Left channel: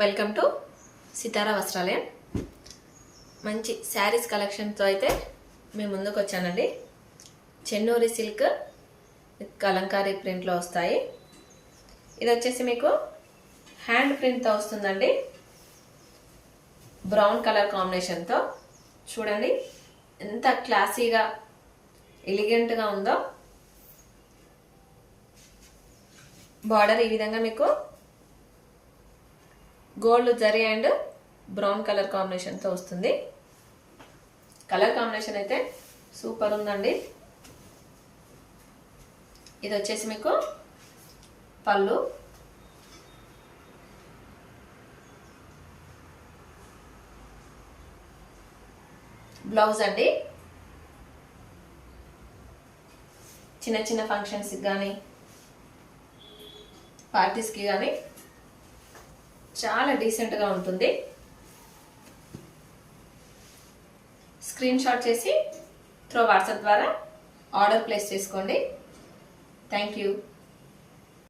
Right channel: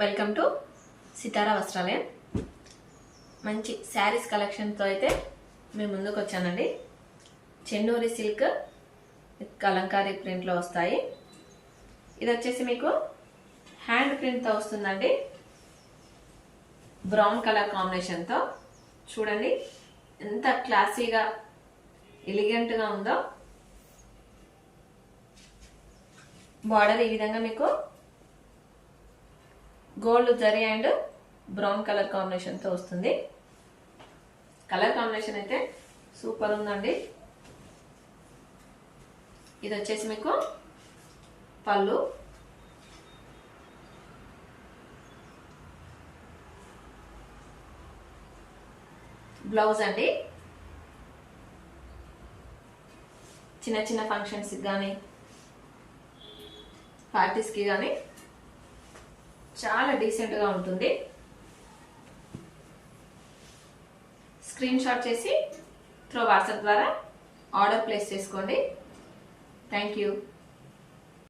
Welcome to సితారా వస్త్రాలయం. మంచి శారీస్ కలెక్షన్తో అయితే మేము ముందుకు వచ్చానండి. చెన్నూరి సిల్క్ విత్ కలంకారీ ప్రింట్లో వస్తాయి. ఇది వచ్చేసి మీకు హ్యాండ్ ప్రింట్తో వస్తుందండి. బ్రౌన్ కలర్ కాంబినేషన్తో చూడండి ఎంత క్లాసీగా ఎలిగెంట్గా ఉందో. బార్డర్ ఈ విధంగా మీకు gold zari and brown colour కాంబినేషన్తో వస్తుంది. కలర్ కాంబినేషన్ అయితే సూపర్ ఉందండి. ఇది వచ్చేసి మీకు పళ్ళు, బ్లౌజ్ అండి. చిన్న చిన్న ఫంక్షన్స్కి కానీ పార్టీస్కి కానీ చాలా డీసెంట్గా ఉంటుంది. స్క్రీన్ షాట్ చేసి త్రూ వాట్సాప్ ద్వారా ఆర్డర్ ప్లేస్ చేసుకోండి. Thank you.